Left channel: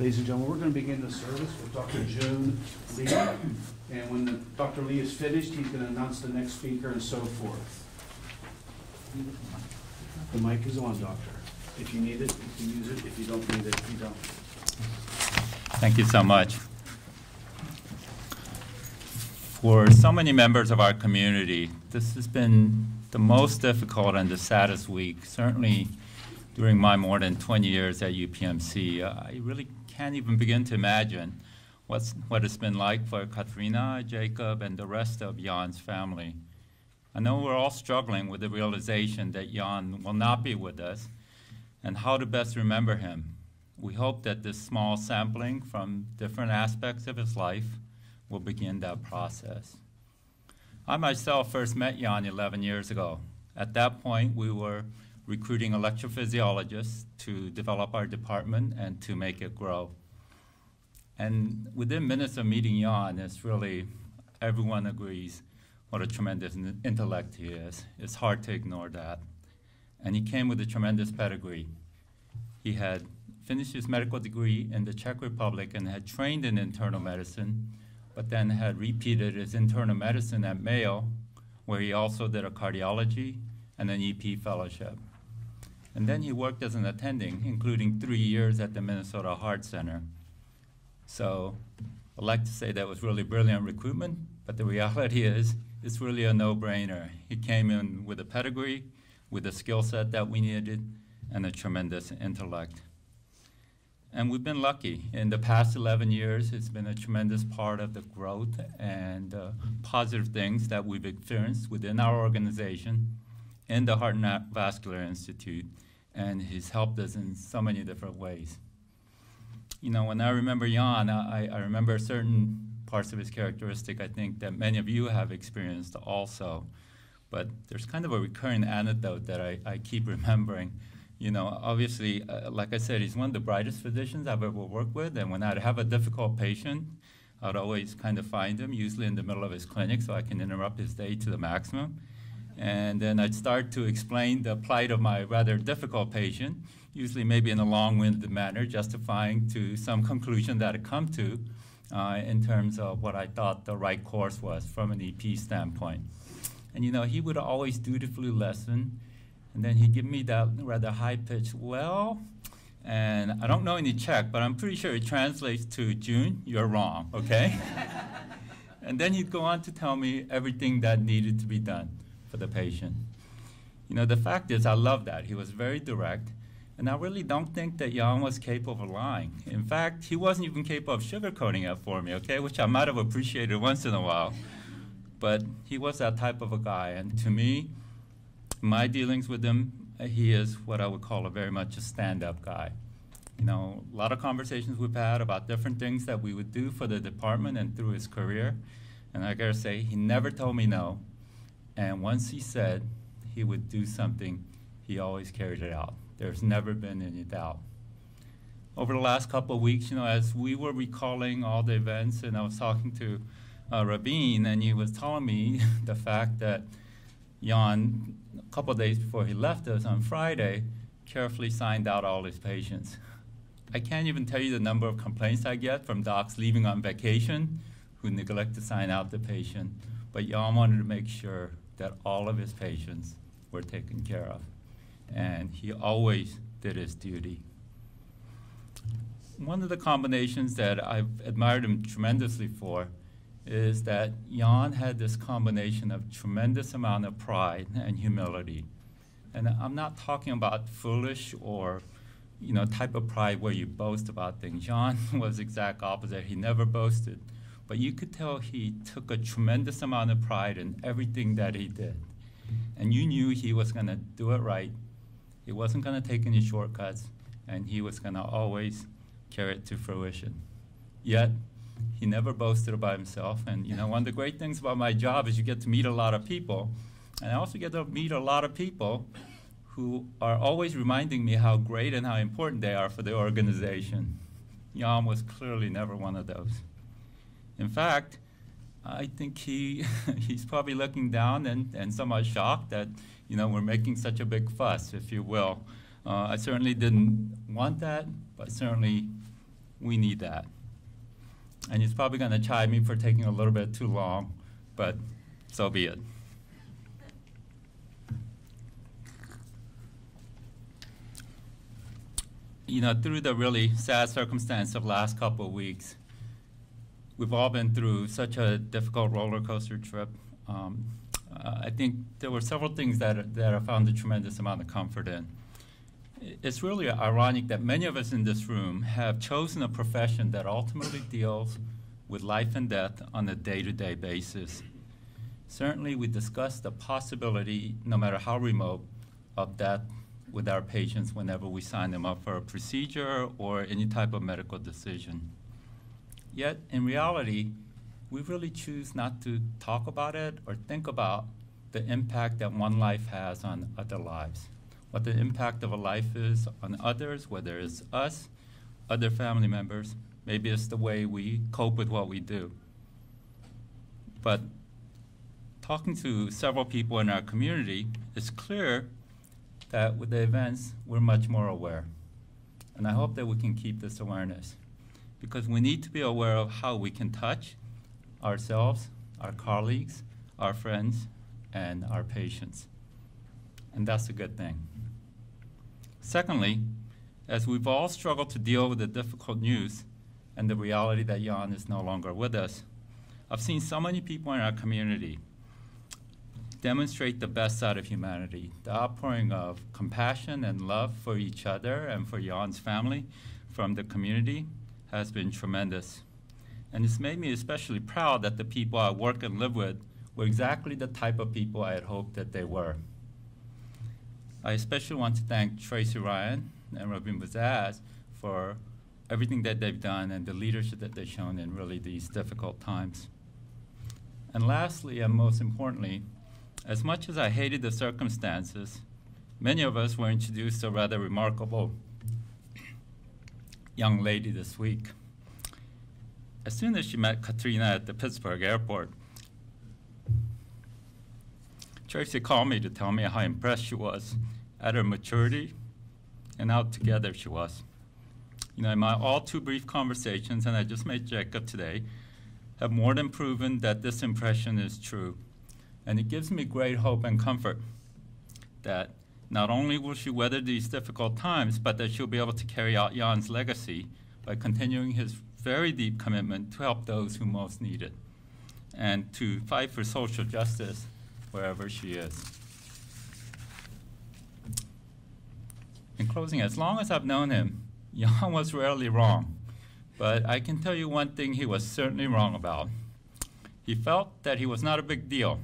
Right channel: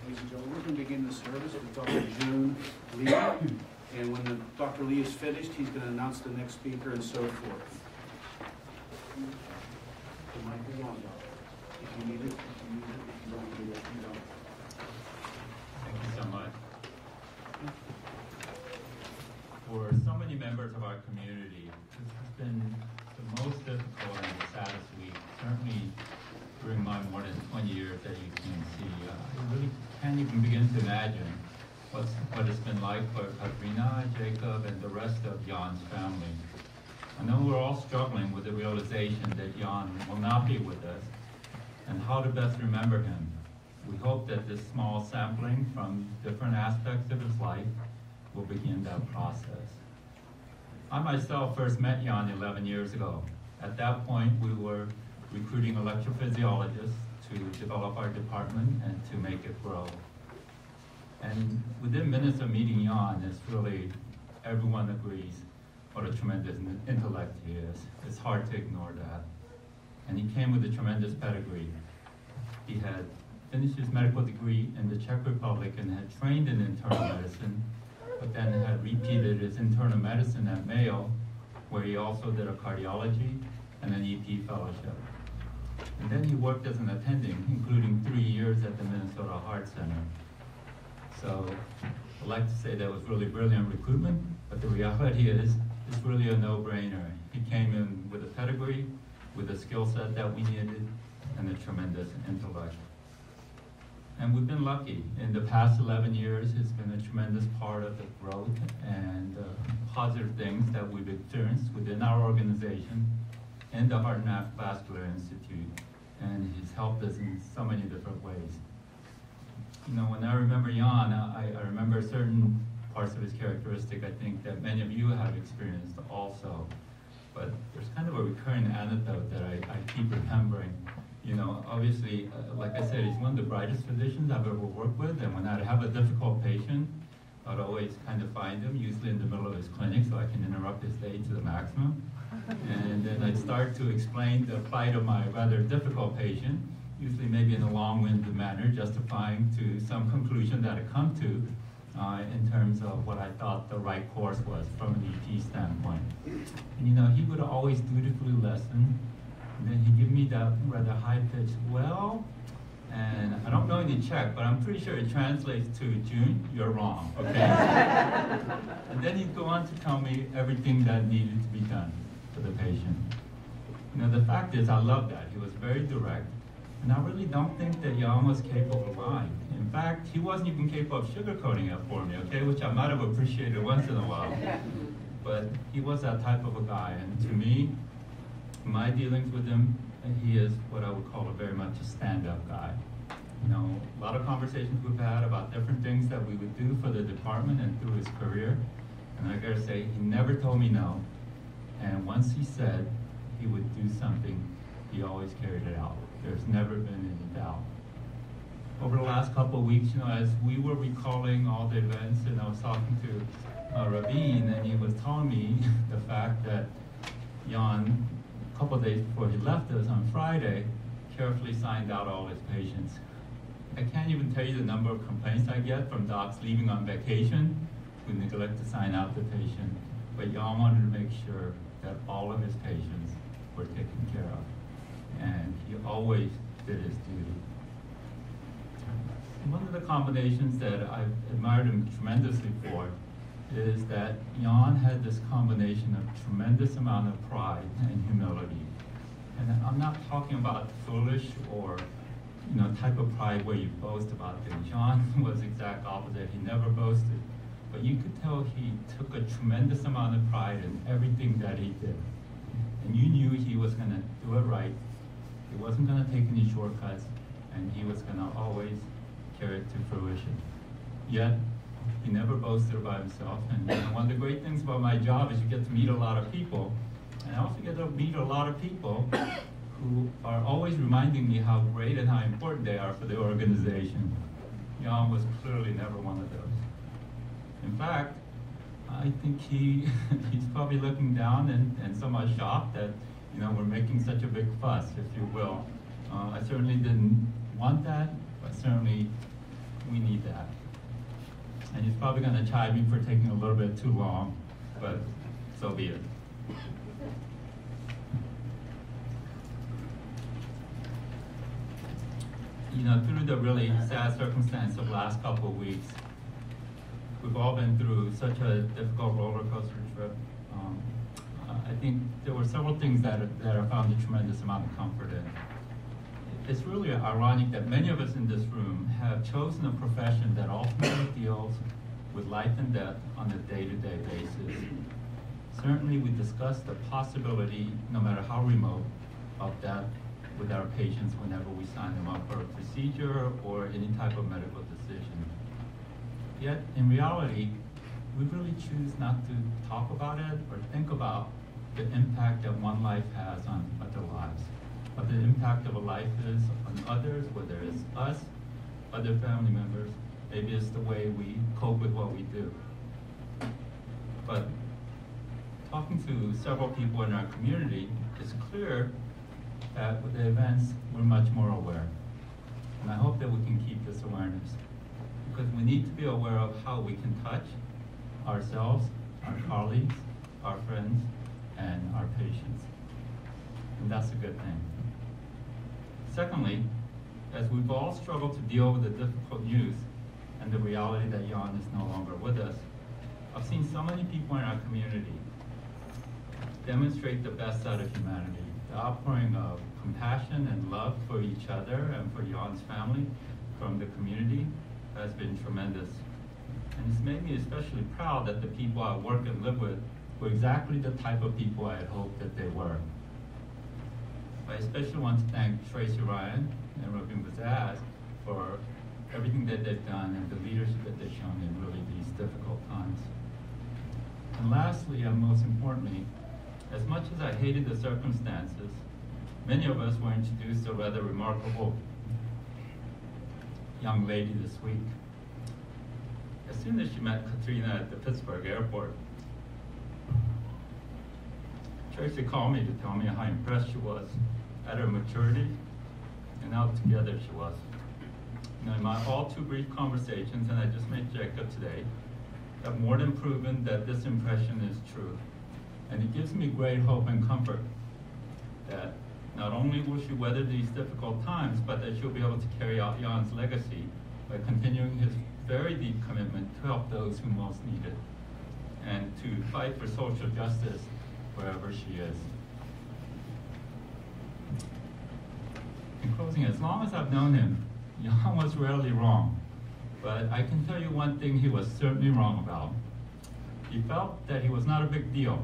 Ladies and gentlemen, we're going to begin the service with Dr. Joan Lee. And when Dr. Lee is finished, he's going to announce the next speaker and so forth. The mic is on, Doctor. If you need it, you can use it. If you don't need it, you don't. Thank you so much. For so many members of our community, this has been the most difficult and the saddest week, certainly during my more than 20 years at UPMC. I really can't even begin to imagine what it's been like for Katrina, Jacob, and the rest of Jan's family. I know we're all struggling with the realization that Jan will not be with us and how to best remember him. We hope that this small sampling from different aspects of his life will begin that process. I myself first met Jan 11 years ago. At that point, we were recruiting electrophysiologists to develop our department and to make it grow. And within minutes of meeting Jan, it's really, everyone agrees what a tremendous intellect he is. It's hard to ignore that. And he came with a tremendous pedigree. He had finished his medical degree in the Czech Republic and had trained in internal medicine, but then had repeated his internal medicine at Mayo, where he also did a cardiology and an EP fellowship. And then he worked as an attending, including 3 years at the Minnesota Heart Center. So I'd like to say that was really brilliant recruitment, but the reality is it's really a no-brainer. He came in with a pedigree, with a skill set that we needed, and a tremendous intellect. And we've been lucky. In the past 11 years, it's been a tremendous part of the growth and positive things that we've experienced within our organization and the Heart and Vascular Institute. And he's helped us in so many different ways. You know, when I remember Jan, I remember certain parts of his characteristic I think that many of you have experienced also. But there's kind of a recurring anecdote that I keep remembering. You know, obviously, like I said, he's one of the brightest physicians I've ever worked with, and when I'd have a difficult patient, I'd always kind of find him, usually in the middle of his clinic, so I can interrupt his day to the maximum. And then I'd start to explain the plight of my rather difficult patient, usually maybe in a long-winded manner, justifying to some conclusion that I'd come to in terms of what I thought the right course was from an EP standpoint. And you know, he would always dutifully listen, and then he'd give me that rather high-pitched, well, and I don't know any Czech, but I'm pretty sure it translates to June, you're wrong, okay? And then he'd go on to tell me everything that needed to be done for the patient. You know, the fact is, I love that. He was very direct, and I really don't think that Jan was capable of lying. In fact, he wasn't even capable of sugarcoating it for me, okay, which I might have appreciated once in a while. But he was that type of a guy, and to me, my dealings with him, he is what I would call very much a stand-up guy. You know, a lot of conversations we've had about different things that we would do for the department and through his career, and I gotta say, he never told me no. And once he said he would do something, he always carried it out. There's never been any doubt. Over the last couple of weeks, you know, as we were recalling all the events, and I was talking to Rabin, and he was telling me the fact that Jan, a couple of days before he left us on Friday, carefully signed out all his patients. I can't even tell you the number of complaints I get from docs leaving on vacation who neglect to sign out the patient. But Jan wanted to make sure that all of his patients were taken care of. And he always did his duty. One of the combinations that I've admired him tremendously for is that Jan had this combination of tremendous amount of pride and humility. And I'm not talking about foolish or, you know, type of pride where you boast about things. Jan was the exact opposite. He never boasted. But you could tell he took a tremendous amount of pride in everything that he did. And you knew he was going to do it right. He wasn't going to take any shortcuts, and he was going to always carry it to fruition. Yet, he never boasted about himself. And you know, one of the great things about my job is you get to meet a lot of people. And I also get to meet a lot of people who are always reminding me how great and how important they are for the organization. Jan was clearly never one of those. In fact, I think he's probably looking down and somewhat shocked that, you know, we're making such a big fuss, if you will. I certainly didn't want that, but certainly We need that. And he's probably going to chide me for taking a little bit too long, but so be it. You know, through the really sad circumstance of the last couple of weeks, we've all been through such a difficult roller coaster trip. I think there were several things that I found a tremendous amount of comfort in. It's really ironic that many of us in this room have chosen a profession that ultimately deals with life and death on a day-to-day basis. Certainly, we discuss the possibility, no matter how remote, of death with our patients whenever we sign them up for a procedure or any type of medical decision. Yet, in reality, we really choose not to talk about it or think about the impact that one life has on other lives, what the impact of a life is on others, whether it's us, other family members, maybe it's the way we cope with what we do. But talking to several people in our community, it's clear that with the events, we're much more aware. And I hope that we can keep this awareness, because we need to be aware of how we can touch ourselves, our colleagues, our friends, and our patients. And that's a good thing. Secondly, as we've all struggled to deal with the difficult news and the reality that Jan is no longer with us, I've seen so many people in our community demonstrate the best side of humanity. The outpouring of compassion and love for each other and for Jan's family from the community has been tremendous. And it's made me especially proud that the people I work and live with were exactly the type of people I had hoped that they were. I especially want to thank Tracy Ryan and Robin Bazaz for everything that they've done and the leadership that they've shown in really these difficult times. And lastly, and most importantly, as much as I hated the circumstances, many of us were introduced to a rather remarkable young lady this week. As soon as she met Katrina at the Pittsburgh airport, Tracy called me to tell me how impressed she was at her maturity and how together she was. You know, in my all too brief conversations, and I just made Jacob today, have more than proven that this impression is true. And it gives me great hope and comfort that not only will she weather these difficult times, but that she'll be able to carry out Jan's legacy by continuing his very deep commitment to help those who most need it and to fight for social justice wherever she is. In closing, as long as I've known him, Jan was rarely wrong. But I can tell you one thing he was certainly wrong about. He felt that he was not a big deal,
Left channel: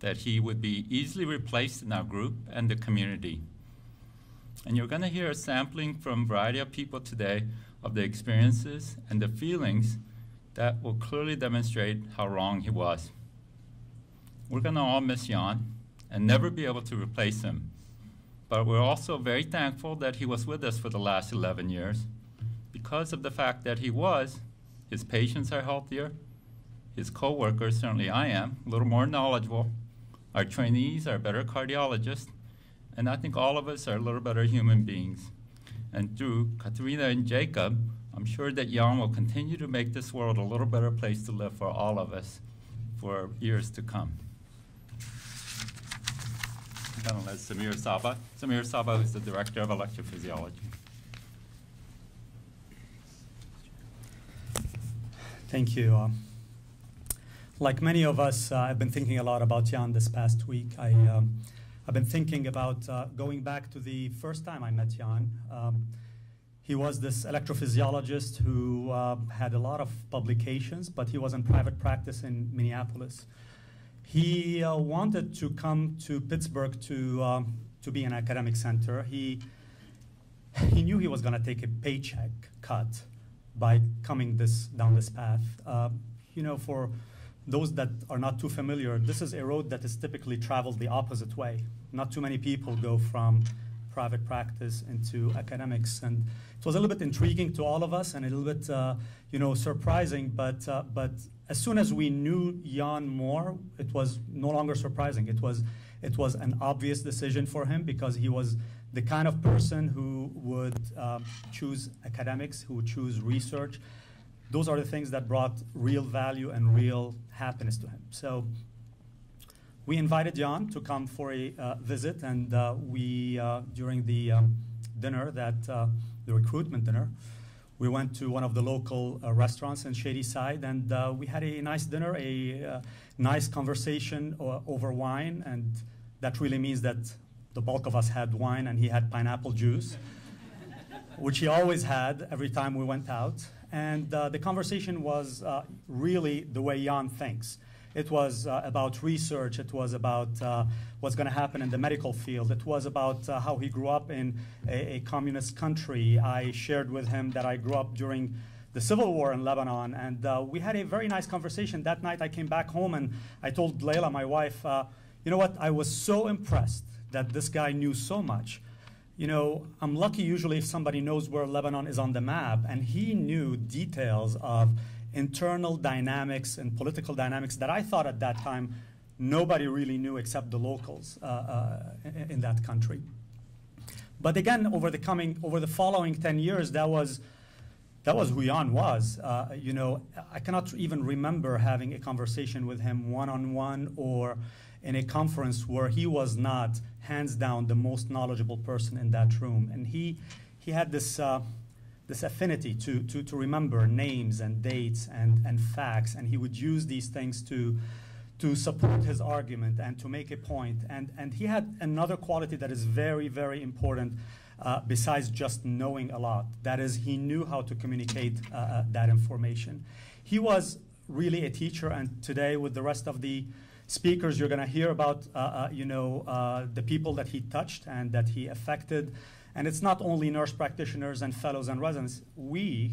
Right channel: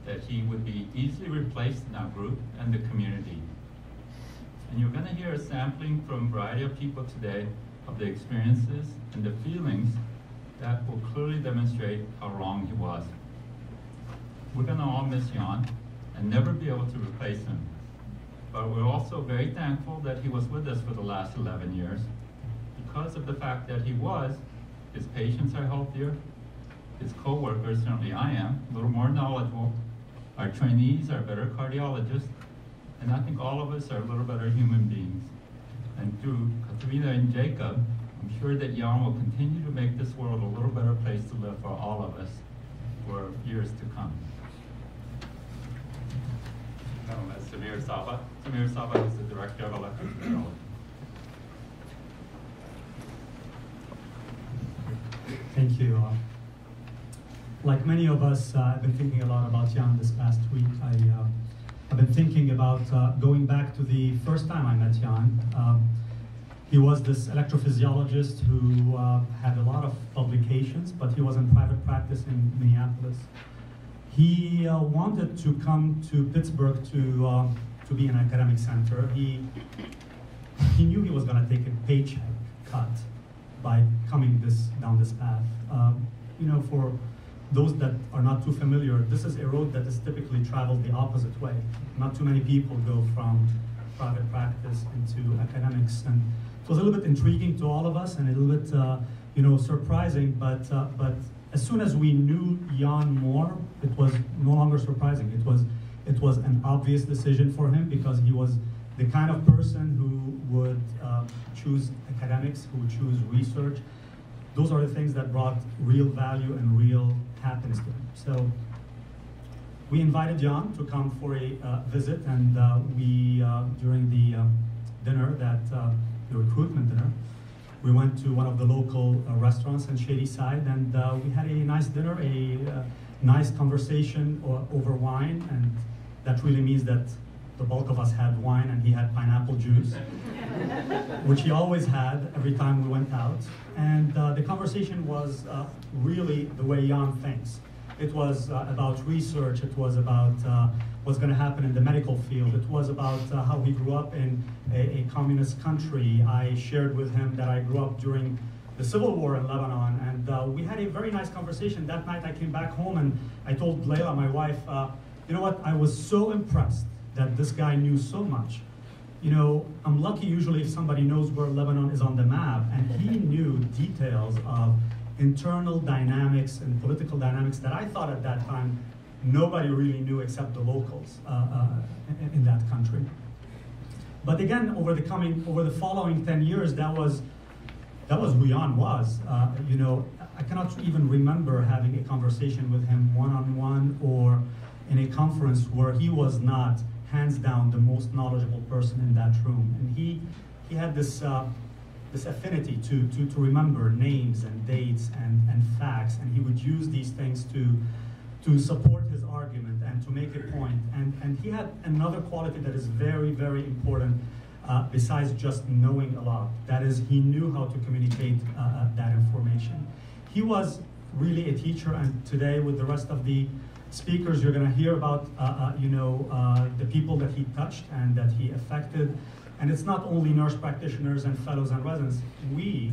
that he would be easily replaced in our group and the community. And you're going to hear a sampling from a variety of people today of the experiences and the feelings that will clearly demonstrate how wrong he was. We're going to all miss Jan and never be able to replace him. But we're also very thankful that he was with us for the last 11 years because of the fact that he was. His patients are healthier, his co-workers, certainly I am, a little more knowledgeable. Our trainees are better cardiologists, and I think all of us are a little better human beings. And through Katrina and Jacob, I'm sure that Jan will continue to make this world a little better place to live for all of us for years to come. Now that's Samir Saba. Samir Saba is the Director of Electrophysiology. Thank you. Like many of us, I've been thinking a lot about Jan this past week. I've been thinking about going back to the first time I met Jan. He was this electrophysiologist who had a lot of publications, but he was in private practice in Minneapolis. He wanted to come to Pittsburgh to be an academic center. He knew he was going to take a paycheck cut by coming down this path. You know, for those that are not too familiar, this is a road that is typically traveled the opposite way. Not too many people go from private practice into academics, and it was a little bit intriguing to all of us and a little bit, you know, surprising. But as soon as we knew Jan more, it was no longer surprising. It was an obvious decision for him because he was the kind of person who would choose academics, who would choose research. Those are the things that brought real value and real happiness to him. So we invited Jan to come for a visit, and we, during the dinner, the recruitment dinner, we went to one of the local restaurants in Shadyside, and we had a nice dinner, a nice conversation over wine, and that really means that the bulk of us had wine and he had pineapple juice, which he always had every time we went out. And the conversation was really the way Jan thinks. It was about research, it was about what's going to happen in the medical field, it was about how he grew up in a communist country. I shared with him that I grew up during the civil war in Lebanon, and we had a very nice conversation. That night I came back home and I told Layla, my wife, you know what, I was so impressed that this guy knew so much. You know, I'm lucky usually if somebody knows where Lebanon is on the map, and he knew details of internal dynamics and political dynamics that I thought at that time nobody really knew except the locals in that country. But again, over the following 10 years, that was who Jan was. You know, I cannot even remember having a conversation with him one-on-one or in a conference where he was not hands down the most knowledgeable person in that room. And he had this affinity to remember names and dates and facts, and he would use these things to support his argument and to make a point. And he had another quality that is very, very important besides just knowing a lot. That is, he knew how to communicate that information. He was really a teacher, and today with the rest of the speakers, you're going to hear about the people that he touched and that he affected. And it's not only nurse practitioners and fellows and residents. We,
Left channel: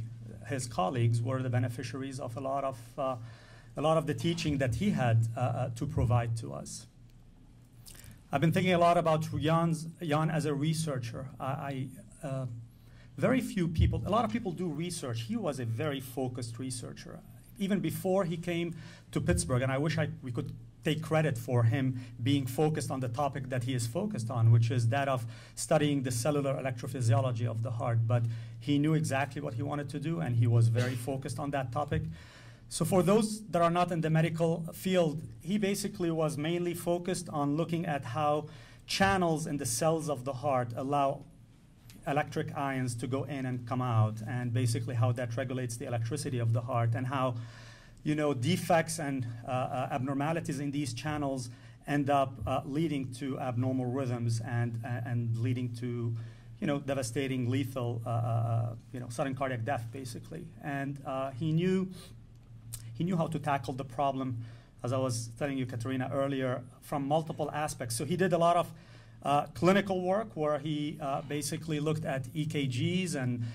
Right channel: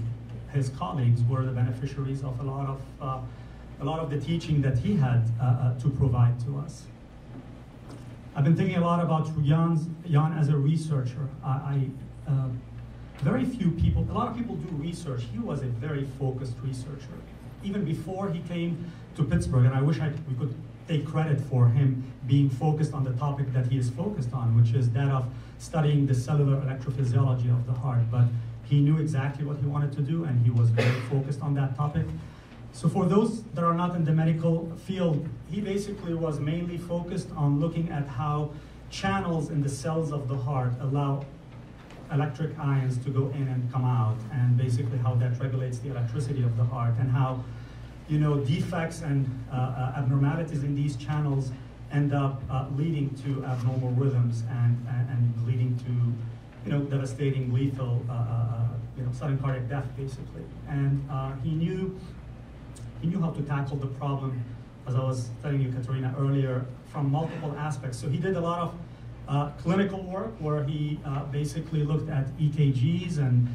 his colleagues, were the beneficiaries of a lot of the teaching that he had to provide to us. I've been thinking a lot about Jan as a researcher. Very few people, a lot of people do research. He was a very focused researcher. Even before he came to Pittsburgh, and I wish we could take credit for him being focused on the topic that he is focused on, which is that of studying the cellular electrophysiology of the heart. But he knew exactly what he wanted to do, and he was very focused on that topic. So for those that are not in the medical field, he basically was mainly focused on looking at how channels in the cells of the heart allow electric ions to go in and come out, and basically how that regulates the electricity of the heart, and how defects and abnormalities in these channels end up leading to abnormal rhythms and leading to devastating, lethal, sudden cardiac death, basically. And he knew how to tackle the problem, as I was telling you, Katerina, earlier, from multiple aspects. So he did a lot of clinical work where he basically looked at EKGs and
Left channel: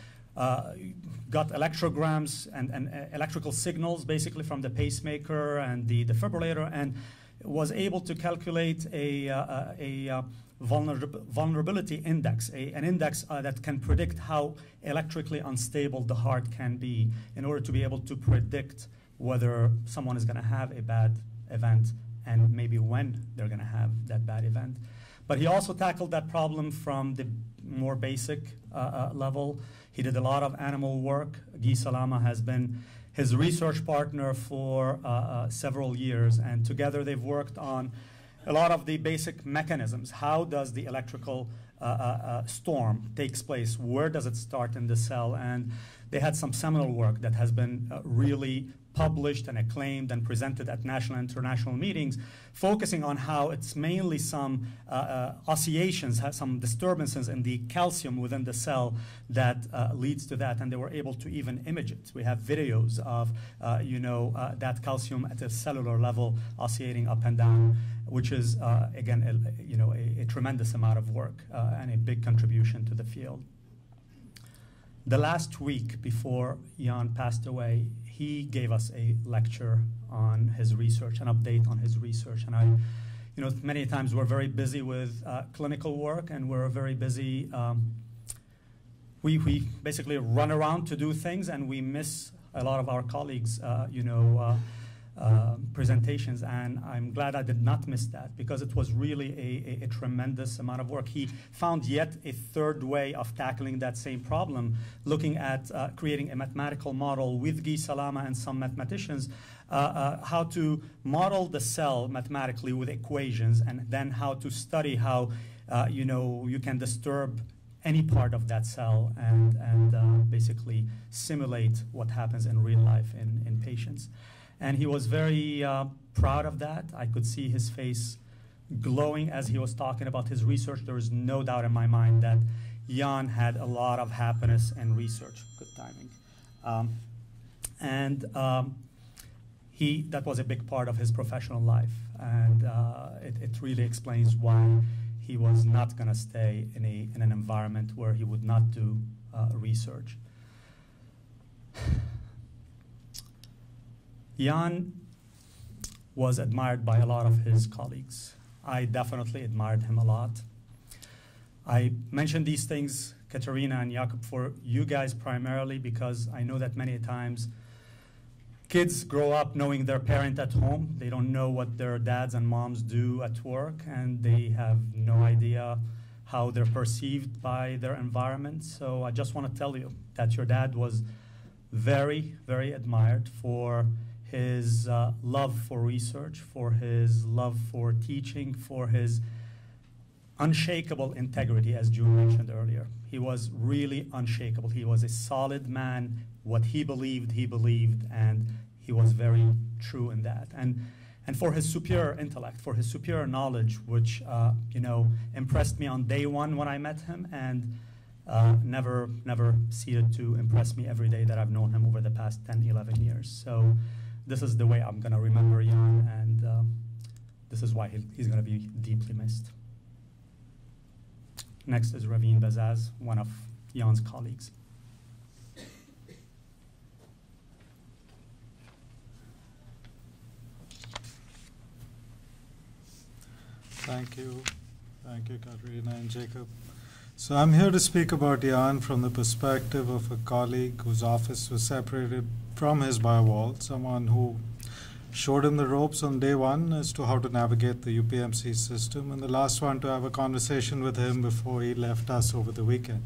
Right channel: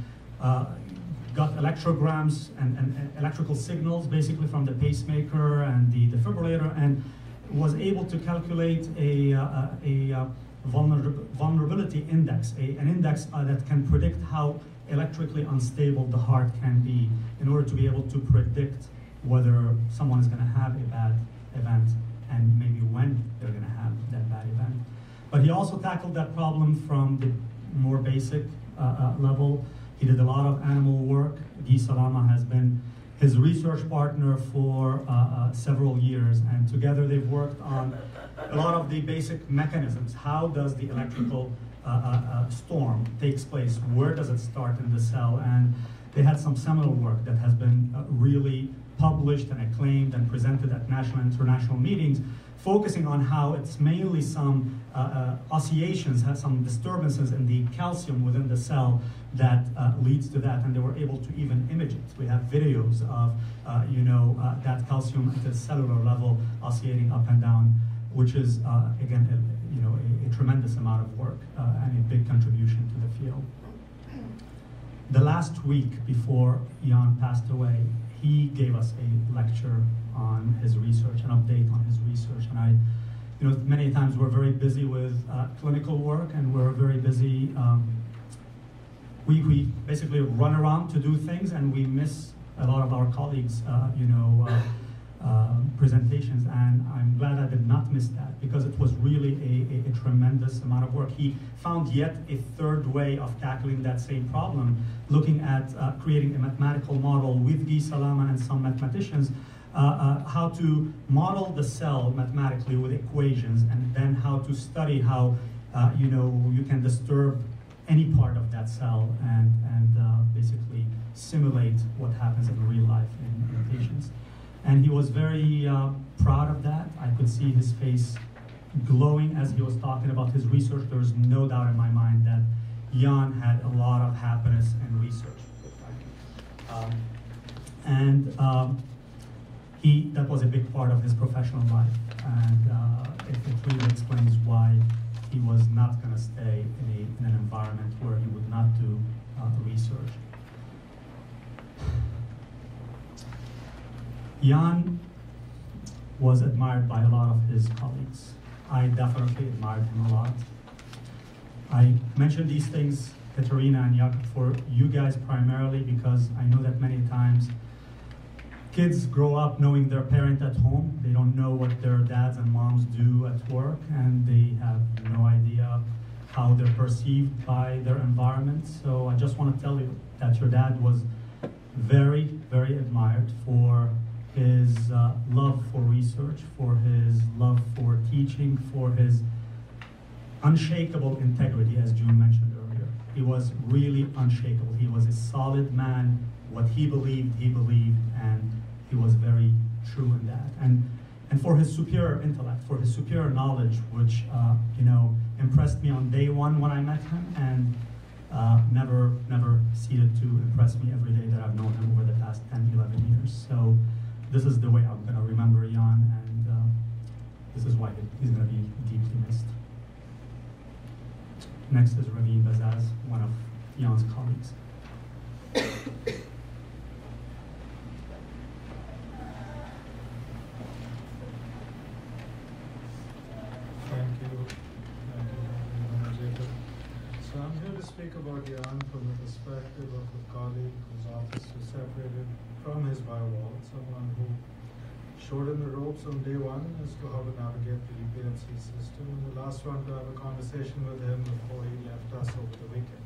got electrograms and electrical signals basically from the pacemaker and the defibrillator, and was able to calculate a vulnerability index, an index that can predict how electrically unstable the heart can be, in order to be able to predict whether someone is going to have a bad event and maybe when they're going to have that bad event. But he also tackled that problem from the more basic level. He did a lot of animal work. Guy Salama has been his research partner for several years, and together they've worked on a lot of the basic mechanisms. How does the electrical storm takes place? Where does it start in the cell? And they had some seminal work that has been really published and acclaimed and presented at national and international meetings, focusing on how it's mainly some oscillations, has some disturbances in the calcium within the cell that leads to that, and they were able to even image it. We have videos of that calcium at a cellular level oscillating up and down, which is again a tremendous amount of work and a big contribution to the field. The last week before Jan passed away, he gave us a lecture on his research, an update on his research. And many times we're very busy with clinical work, and we're very busy. We basically run around to do things, and we miss a lot of our colleagues, presentations, and I'm glad I did not miss that because it was really a tremendous amount of work. He found yet a third way of tackling that same problem, looking at creating a mathematical model with Guy Salama and some mathematicians, how to model the cell mathematically with equations, and then how to study how you can disturb any part of that cell and basically simulate what happens in real life in patients. And he was very proud of that. I could see his face glowing as he was talking about his research. There was no doubt in my mind that Jan had a lot of happiness in research. That was a big part of his professional life, and it really explains why he was not going to stay in an environment where he would not do research. Jan was admired by a lot of his colleagues. I definitely admired him a lot. I mentioned these things, Katerina and Jakob, for you guys primarily because I know that many times kids grow up knowing their parent at home. They don't know what their dads and moms do at work, and they have no idea how they're perceived by their environment. So I just want to tell you that your dad was very, very admired for his love for research, for his love for teaching, for his unshakable integrity, as June mentioned earlier. He was really unshakable. He was a solid man. What he believed, and he was very true in that. And for his superior intellect, for his superior knowledge, which impressed me on day one when I met him, and never ceased to impress me every day that I've known him over the past 10, 11 years. So this is the way I'm going to remember Jan, and this is why he's going to be deeply missed. Next is Raveen Bazaz, one of Jan's colleagues. Thank you. Thank you, Katerina and Jacob. So I'm here to speak about Jan from the perspective of a colleague whose office was separated from his by a wall, someone who showed him the ropes on day one as to how to navigate the UPMC system, and the last one to have a conversation with him before he left us over the weekend.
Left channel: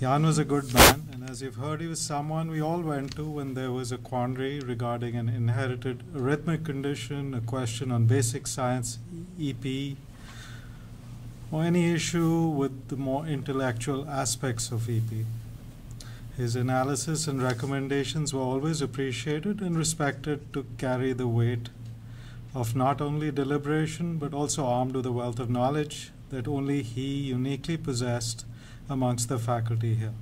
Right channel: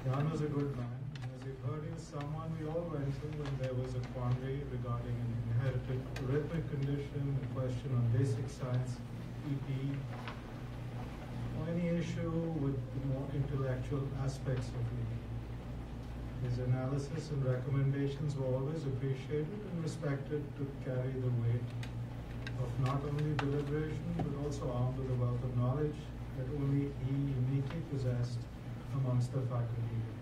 Jan was a good man, and as you've heard, he was someone we all went to when there was a quandary regarding an inherited arrhythmic condition, a question on basic science, EP, or any issue with the more intellectual aspects of EP. His analysis and recommendations were always appreciated and respected to carry the weight of not only deliberation but also armed with a wealth of knowledge that only he uniquely possessed amongst the faculty here.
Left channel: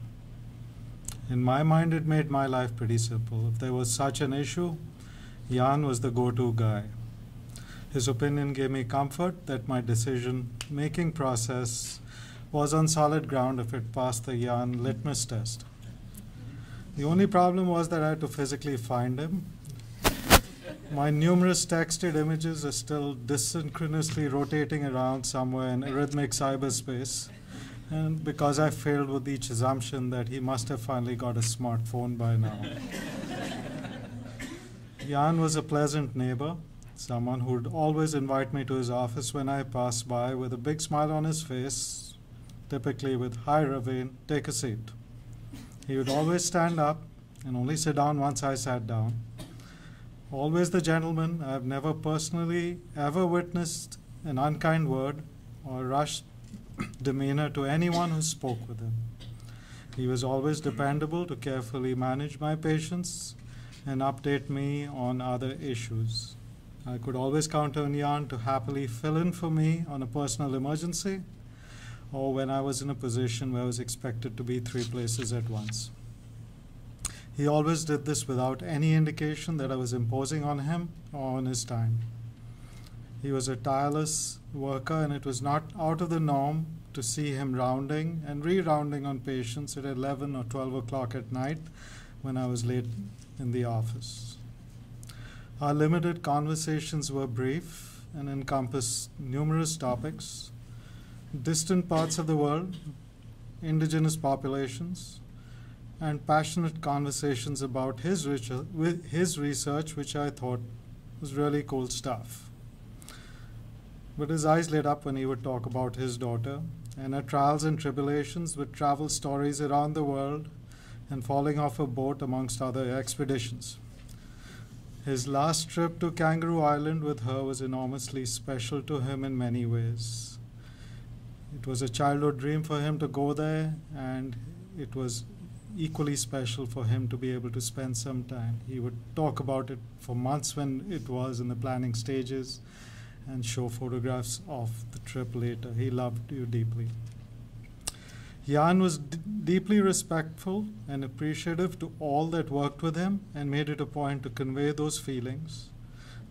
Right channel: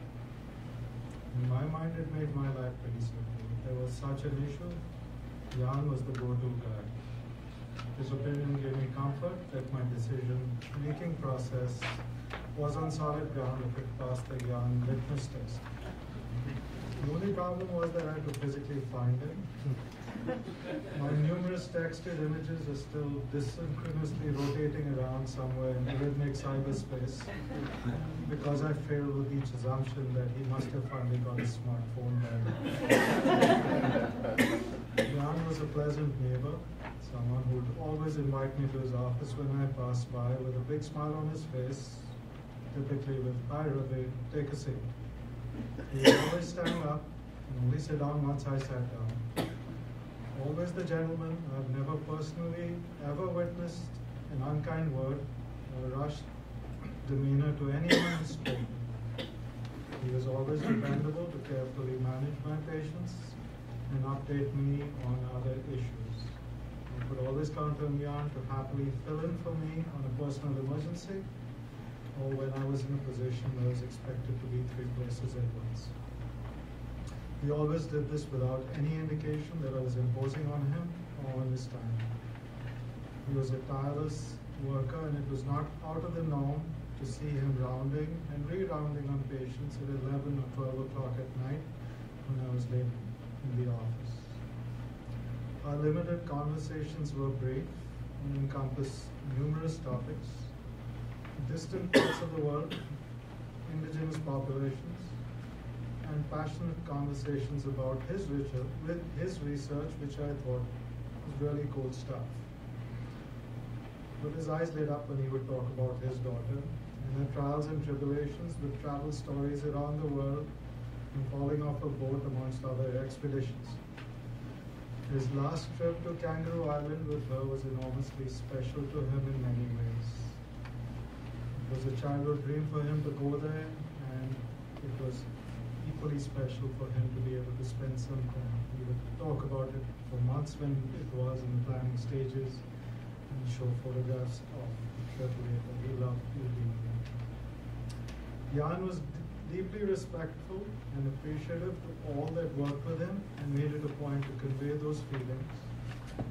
In my mind, it made my life pretty simple. If there was such an issue, Jan was the go-to guy. His opinion gave me comfort that my decision-making process was on solid ground if it passed the Jan litmus test. The only problem was that I had to physically find him. My numerous texted images are still desynchronously rotating around somewhere in arrhythmic cyberspace, and because I failed with each assumption that he must have finally got a smartphone by now. Jan was a pleasant neighbor, someone who would always invite me to his office when I passed by with a big smile on his face, typically with, "Hi Raveen, take a seat." He would always stand up and only sit down once I sat down. Always the gentleman. I've never personally ever witnessed an unkind word or rushed demeanor to anyone who spoke with him. He was always dependable to carefully manage my patients and update me on other issues. I could always count on Jan to happily fill in for me on a personal emergency or when I was in a position where I was expected to be 3 places at once. He always did this without any indication that I was imposing on him or on his time. He was a tireless worker, and it was not out of the norm to see him rounding and re-rounding on patients at 11 or 12 o'clock at night when I was late in the office. Our limited conversations were brief and encompassed numerous topics: distant parts of the world, indigenous populations, and passionate conversations about his research, which I thought was really cool stuff. But his eyes lit up when he would talk about his daughter and her trials and tribulations with travel stories around the world and falling off a boat amongst other expeditions. His last trip to Kangaroo Island with her was enormously special to him in many ways. It was a childhood dream for him to go there, and it was equally special for him to be able to spend some time. He would talk about it for months when it was in the planning stages and show photographs of the trip later. He loved you deeply. Jan was deeply respectful and appreciative to all that worked with him and made it a point to convey those feelings.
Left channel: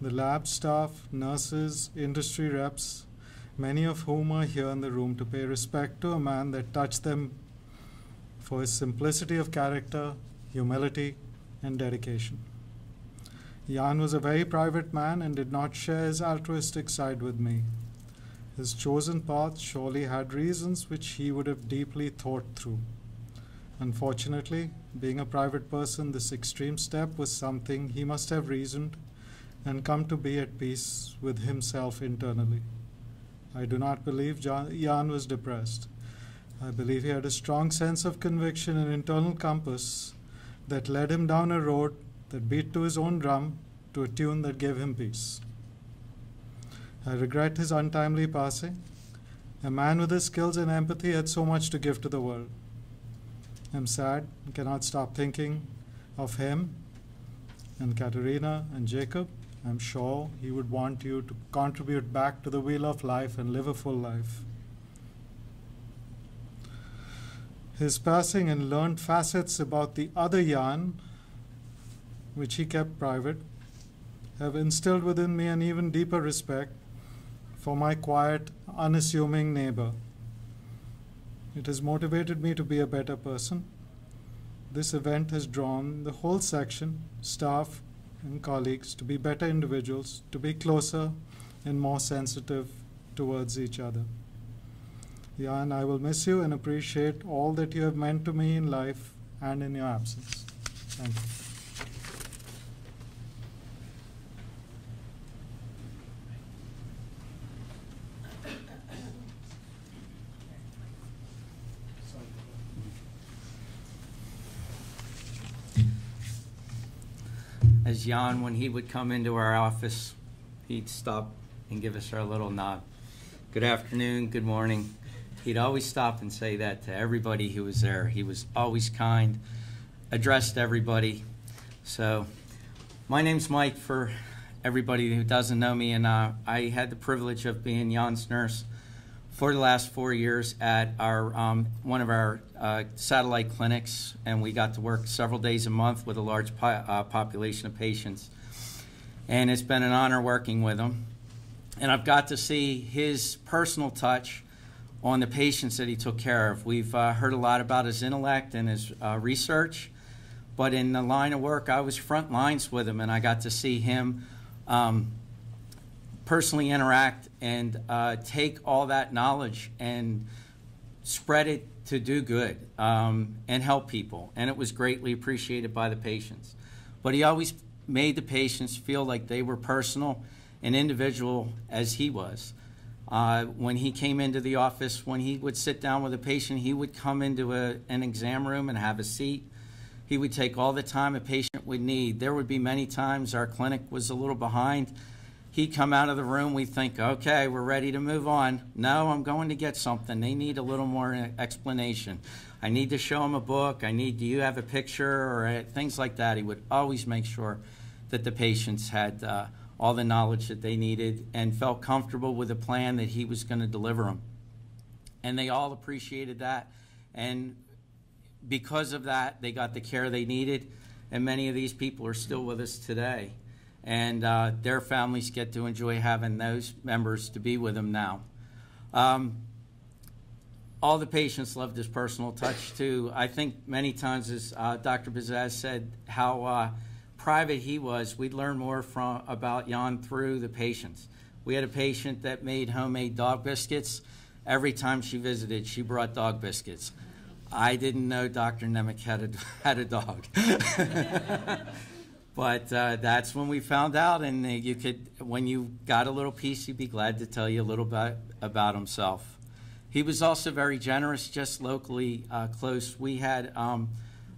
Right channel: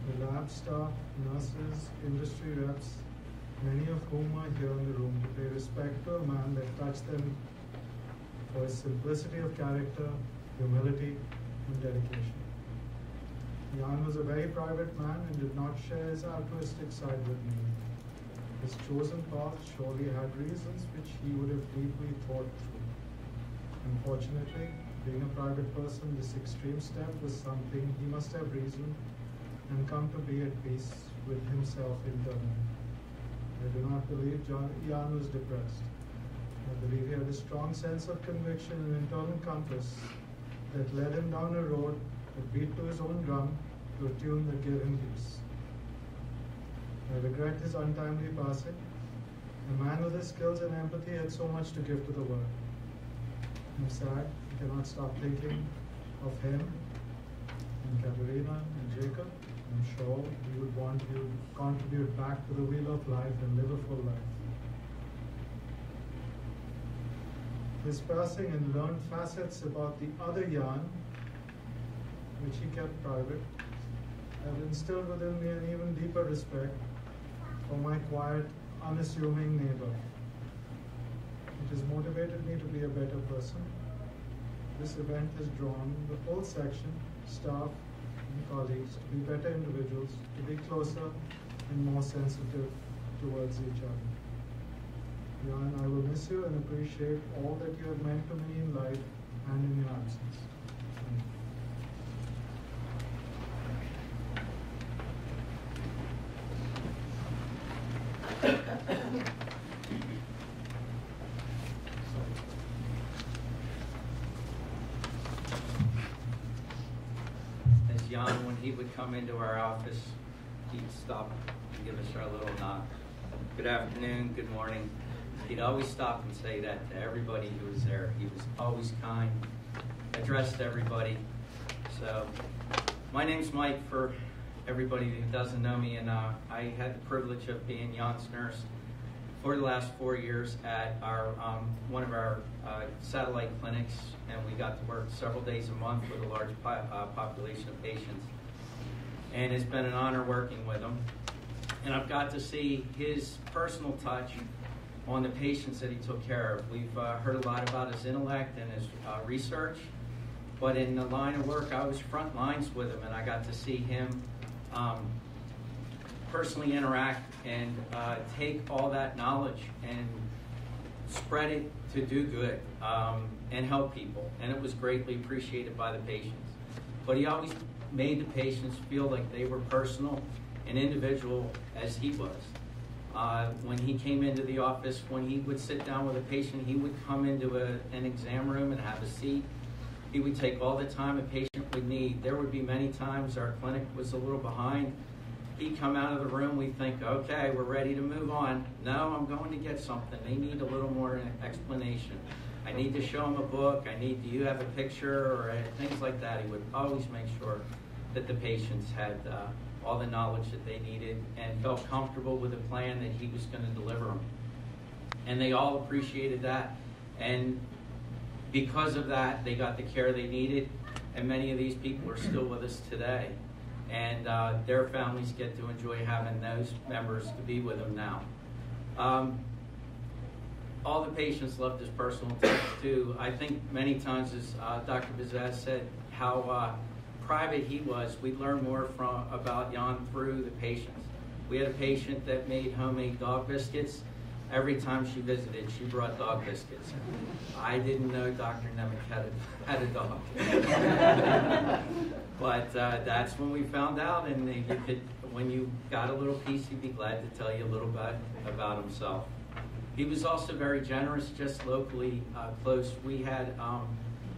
The lab staff, nurses, industry reps, many of whom are here in the room to pay respect to a man that touched them for his simplicity of character, humility, and dedication. Jan was a very private man and did not share his altruistic side with me. His chosen path surely had reasons which he would have deeply thought through. Unfortunately, being a private person, this extreme step was something he must have reasoned and come to be at peace with himself internally. I do not believe Jan was depressed. I believe he had a strong sense of conviction and internal compass that led him down a road that beat to his own drum to a tune that gave him peace. I regret his untimely passing. A man with his skills and empathy had so much to give to the world. I'm sad and cannot stop thinking of him and Katerina and Jacob. I'm sure he would want you to contribute back to the wheel of life and live a full life. His passing and learned facets about the other Jan, which he kept private, have instilled within me an even deeper respect for my quiet, unassuming neighbor. It has motivated me to be a better person. This event has drawn the whole section, staff, and colleagues to be better individuals, to be closer and more sensitive towards each other. Jan, I will miss you and appreciate all that you have meant to me in life and in your absence. Thank you. As Jan, when he would come into our office, he'd stop and give us our little nod. Good afternoon, good morning. He'd always stop and say that to everybody who was there. He was always kind, addressed everybody. So my name's Mike, for everybody who doesn't know me, and I had the privilege of being Jan's nurse for the last 4 years at our one of our satellite clinics, and we got to work several days a month with a large population of patients. And it's been an honor working with him. And I've got to see his personal touch on the patients that he took care of. We've heard a lot about his intellect and his research, but in the line of work, I was front lines with him, and I got to see him personally interact and take all that knowledge and spread it to do good and help people. And it was greatly appreciated by the patients. But he always made the patients feel like they were personal and individual as he was. When he came into the office, when he would sit down with a patient, he would come into an exam room and have a seat. He would take all the time a patient would need. There would be many times our clinic was a little behind. He'd come out of the room, we think, okay, we're ready to move on. No, I'm going to get something. They need a little more explanation. I need to show them a book. Do you have a picture, or things like that. He would always make sure that the patients had all the knowledge that they needed and felt comfortable with the plan that he was going to deliver them. And they all appreciated that. And because of that, they got the care they needed. And many of these people are still with us today. And their families get to enjoy having those members to be with them now. All the patients loved his personal touch too. I think many times, as Dr. Bazaz said, how private he was. We learned more about Jan through the patients. We had a patient that made homemade dog biscuits. Every time she visited, she brought dog biscuits. I didn't know Dr. Nemec had a dog. But that's when we found out, and you could, when you got a little piece, he'd be glad to tell you a little bit about himself. He was also very generous, just locally close. We had a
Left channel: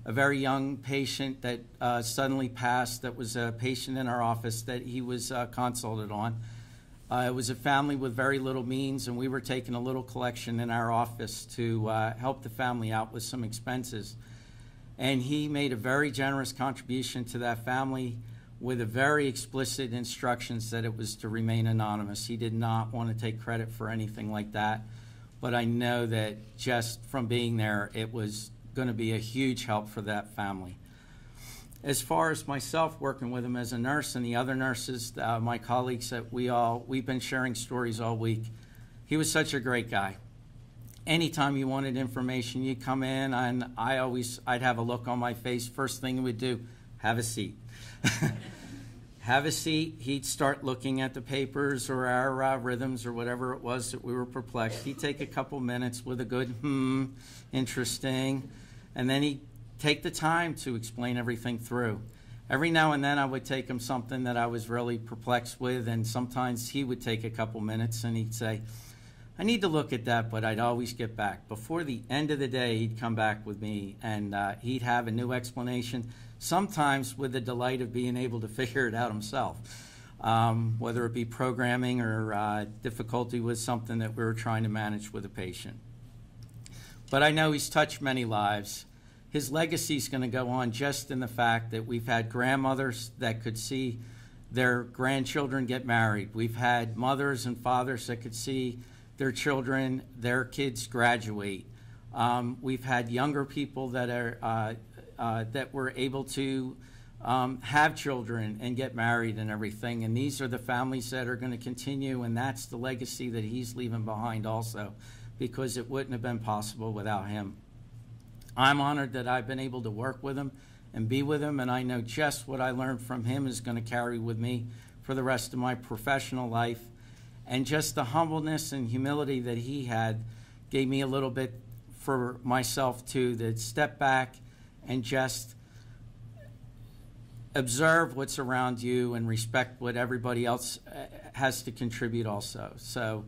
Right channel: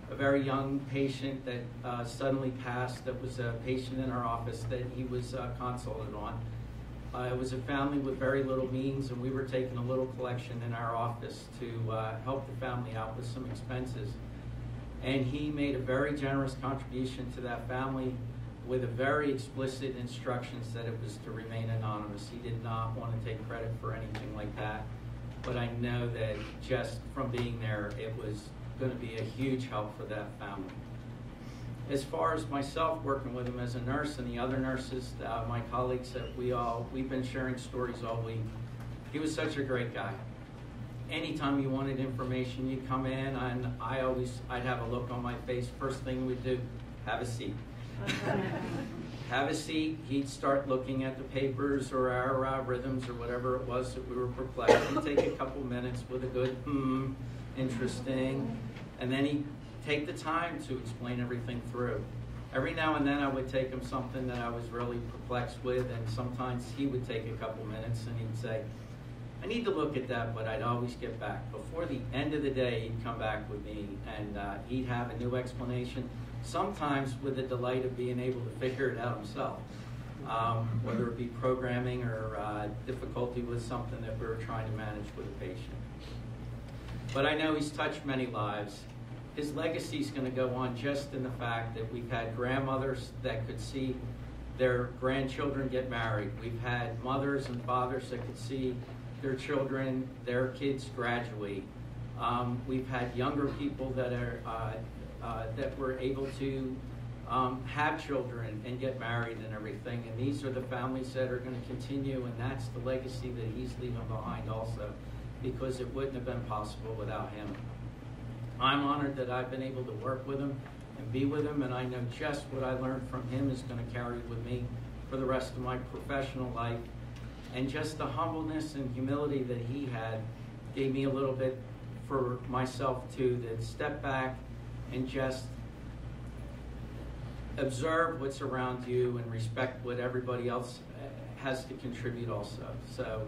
very young patient that suddenly passed, that was a patient in our office that he was consulted on. It was a family with very little means, and we were taking a little collection in our office to help the family out with some expenses. And he made a very generous contribution to that family with a very explicit instructions that it was to remain anonymous. He did not want to take credit for anything like that. But I know that just from being there, it was going to be a huge help for that family. As far as myself working with him as a nurse and the other nurses, my colleagues that we've been sharing stories all week. He was such a great guy. Anytime you wanted information, you'd come in, and I'd have a look on my face. First thing we'd do, have a seat. Have a seat. He'd start looking at the papers or our rhythms or whatever it was that we were perplexed. He'd take a couple minutes with a good, interesting, and then he'd take the time to explain everything through. Every now and then I would take him something that I was really perplexed with, and sometimes he would take a couple minutes and he'd say, I need to look at that, but I'd always get back. Before the end of the day, he'd come back with me, and he'd have a new explanation, sometimes with the delight of being able to figure it out himself, whether it be programming or difficulty with something that we were trying to manage with a patient. But I know he's touched many lives. His legacy is going to go on just in the fact that we've had grandmothers that could see their grandchildren get married. We've had mothers and fathers that could see their children, their kids graduate. We've had younger people that are that were able to have children and get married and everything. And these are the families that are going to continue, and that's the legacy that he's leaving behind also, because it wouldn't have been possible without him. I'm honored that I've been able to work with him and be with him, and I know just what I learned from him is going to carry with me for the rest of my professional life. And just the humbleness and humility that he had gave me a little bit for myself too, to step back and just observe what's around you and respect what everybody else has to contribute also. So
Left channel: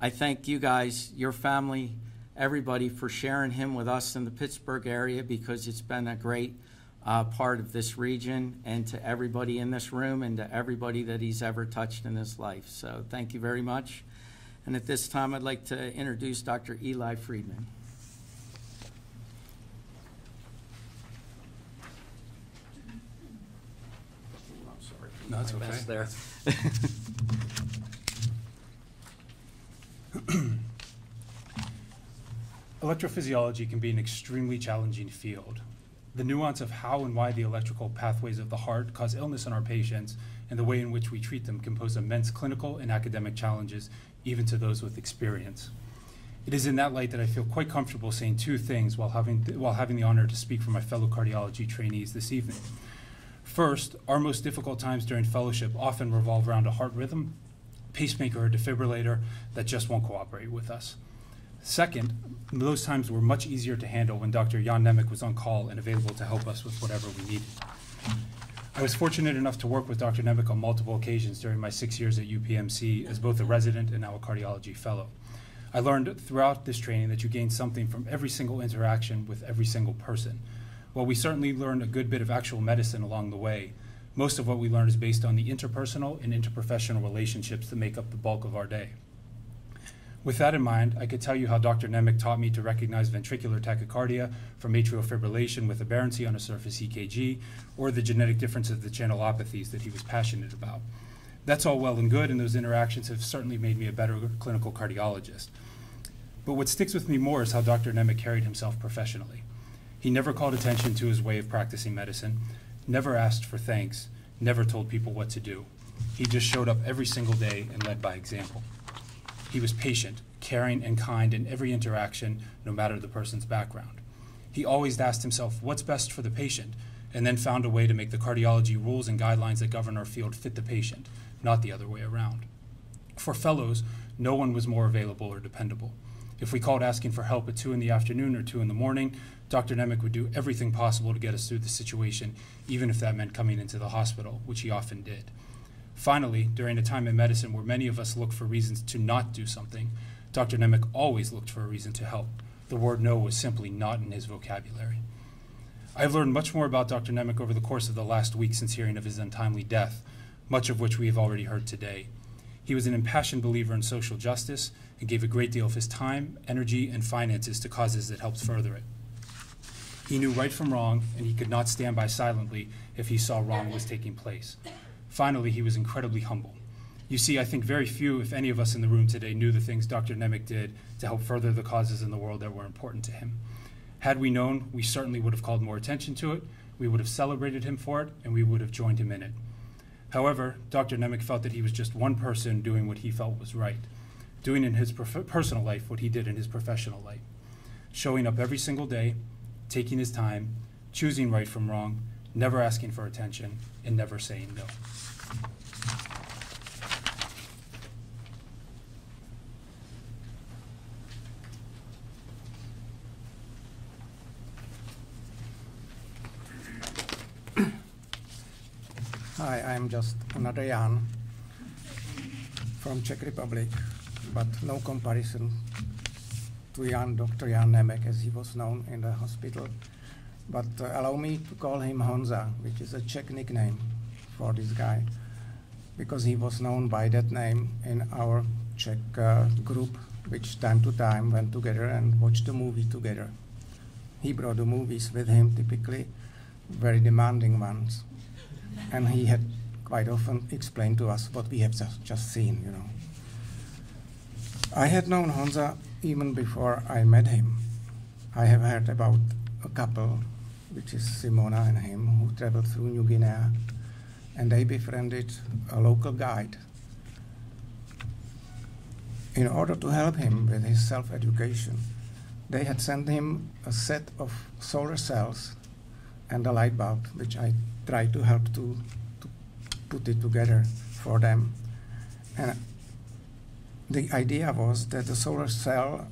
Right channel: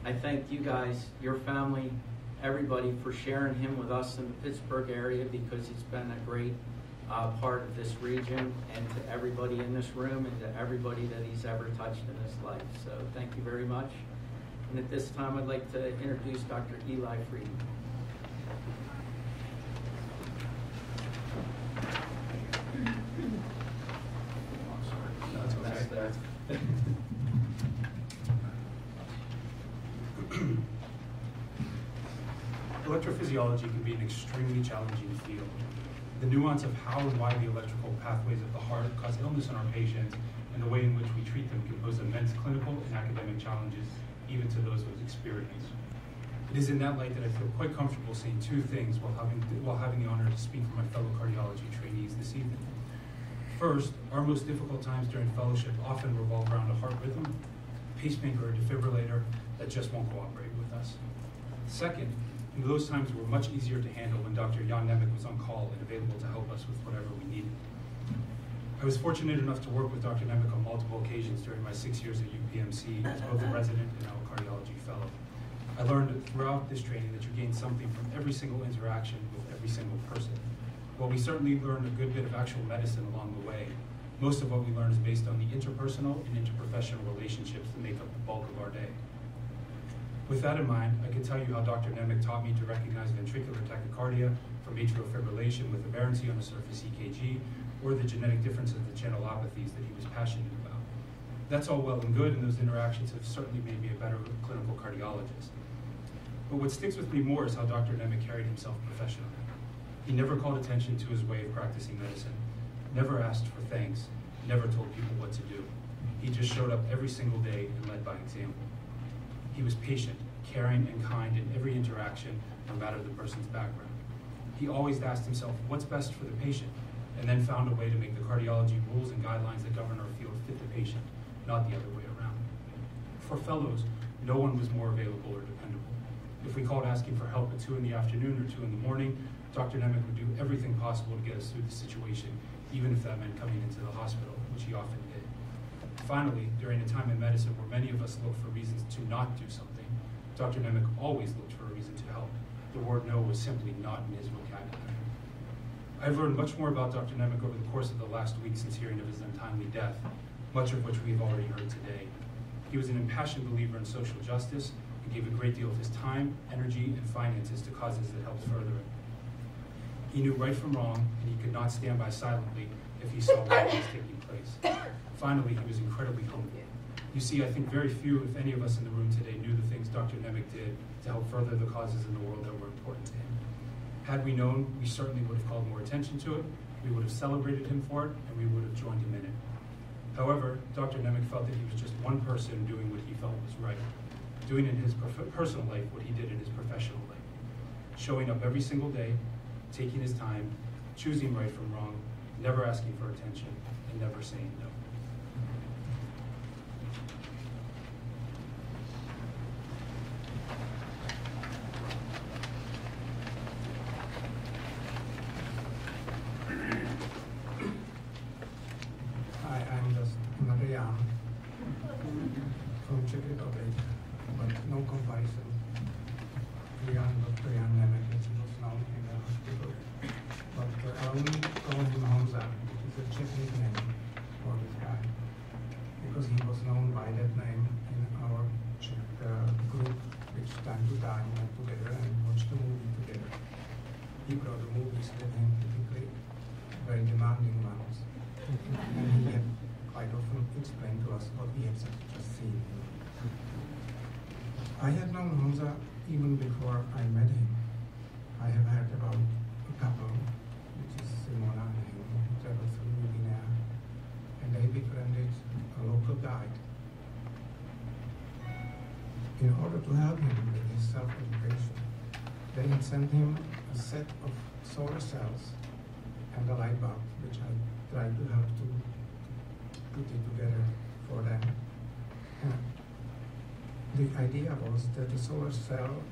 I thank you guys, your family, everybody, for sharing him with us in the Pittsburgh area, because it's been a great part of this region, and to everybody in this room and to everybody that he's ever touched in his life. So thank you very much. And at this time, I'd like to introduce Dr. Eli Friedman. No, it's okay. That's there. Electrophysiology can be an extremely challenging field. The nuance of how and why the electrical pathways of the heart cause illness in our patients and the way in which we treat them can pose immense clinical and academic challenges, even to those with experience. It is in that light that I feel quite comfortable saying two things while having the honor to speak for my fellow cardiology trainees this evening. First, our most difficult times during fellowship often revolve around a heart rhythm, pacemaker, or defibrillator that just won't cooperate with us. Second, those times were much easier to handle when Dr. Jan Nemec was on call and available to help us with whatever we needed. I was fortunate enough to work with Dr. Nemec on multiple occasions during my 6 years at UPMC as both a resident and now a cardiology fellow. I learned throughout this training that you gain something from every single interaction with every single person. While we certainly learned a good bit of actual medicine along the way, most of what we learn is based on the interpersonal and interprofessional relationships that make up the bulk of our day. With that in mind, I could tell you how Dr. Nemec taught me to recognize ventricular tachycardia from atrial fibrillation with aberrancy on a surface EKG, or the genetic differences of the channelopathies that he was passionate about. That's all well and good, and those interactions have certainly made me a better clinical cardiologist. But what sticks with me more is how Dr. Nemec carried himself professionally. He never called attention to his way of practicing medicine, never asked for thanks, never told people what to do. He just showed up every single day and led by example. He was patient, caring, and kind in every interaction, no matter the person's background. He always asked himself, what's best for the patient, and then found a way to make the cardiology rules and guidelines that govern our field fit the patient, not the other way around. For fellows, no one was more available or dependable. If we called asking for help at 2 in the afternoon or 2 in the morning, Dr. Nemec would do everything possible to get us through the situation, even if that meant coming into the hospital, which he often did. Finally, during a time in medicine where many of us look for reasons to not do something, Dr. Nemec always looked for a reason to help. The word no was simply not in his vocabulary. I've learned much more about Dr. Nemec over the course of the last week since hearing of his untimely death, much of which we have already heard today. He was an impassioned believer in social justice and gave a great deal of his time, energy, and finances to causes that helped further it. He knew right from wrong, and he could not stand by silently if he saw wrong was taking place. Finally, he was incredibly humble. You see, I think very few, if any of us in the room today, knew the things Dr. Nemec did to help further the causes in the world that were important to him. Had we known, we certainly would have called more attention to it, we would have celebrated him for it, and we would have joined him in it. However, Dr. Nemec felt that he was just one person doing what he felt was right, doing in his personal life what he did in his professional life, showing up every single day, taking his time, choosing right from wrong, never asking for attention, and never saying no. Hi, I'm just another Jan from Czech Republic, but no comparison to Dr. Jan Nemec, as he was known in the hospital. But allow me to call him Honza, which is a Czech nickname for this guy, because he was known by that name in our Czech group, which time to time went together and watched a movie together. He brought the movies with him, typically very demanding ones. And he had quite often explained to us what we have just seen, you know. I had known Honza even before I met him. I have heard about a couple, which is Simona and him, who traveled through New Guinea, and they befriended a local guide in order to help him with his self-education. They had sent him a set of solar cells and a light bulb, which I tried to help to put it together for them. And the idea was that the solar cell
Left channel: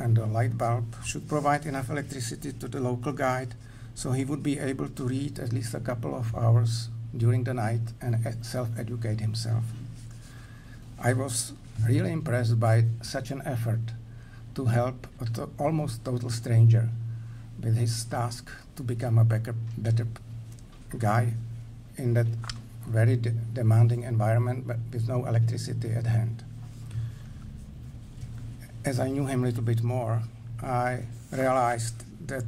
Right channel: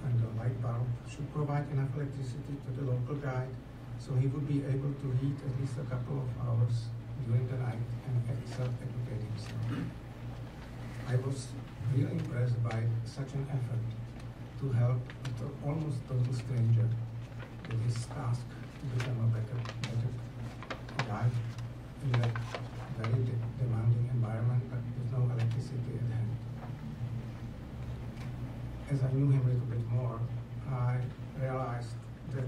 and the light bulb should provide enough electricity to the local guide so he would be able to read at least a couple of hours during the night and self-educate himself. I was really impressed by such an effort to help an almost total stranger with his task to become a better guy in that very demanding environment, but with no electricity at hand. As I knew him a little bit more, I realized that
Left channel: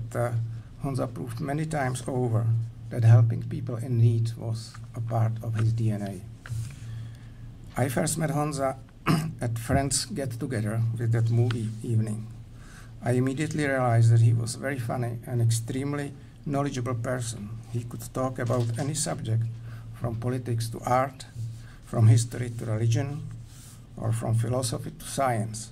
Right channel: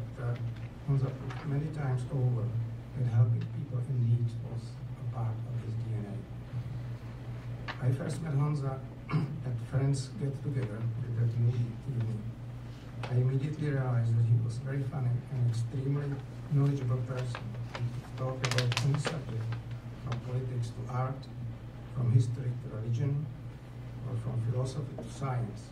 Honza proved many times over that helping people in need was a part of his DNA. I first met Honza at friends get-together with that movie evening. I immediately realized that he was very funny and extremely knowledgeable person. He could talk about any subject, from politics to art, from history to religion, or from philosophy to science.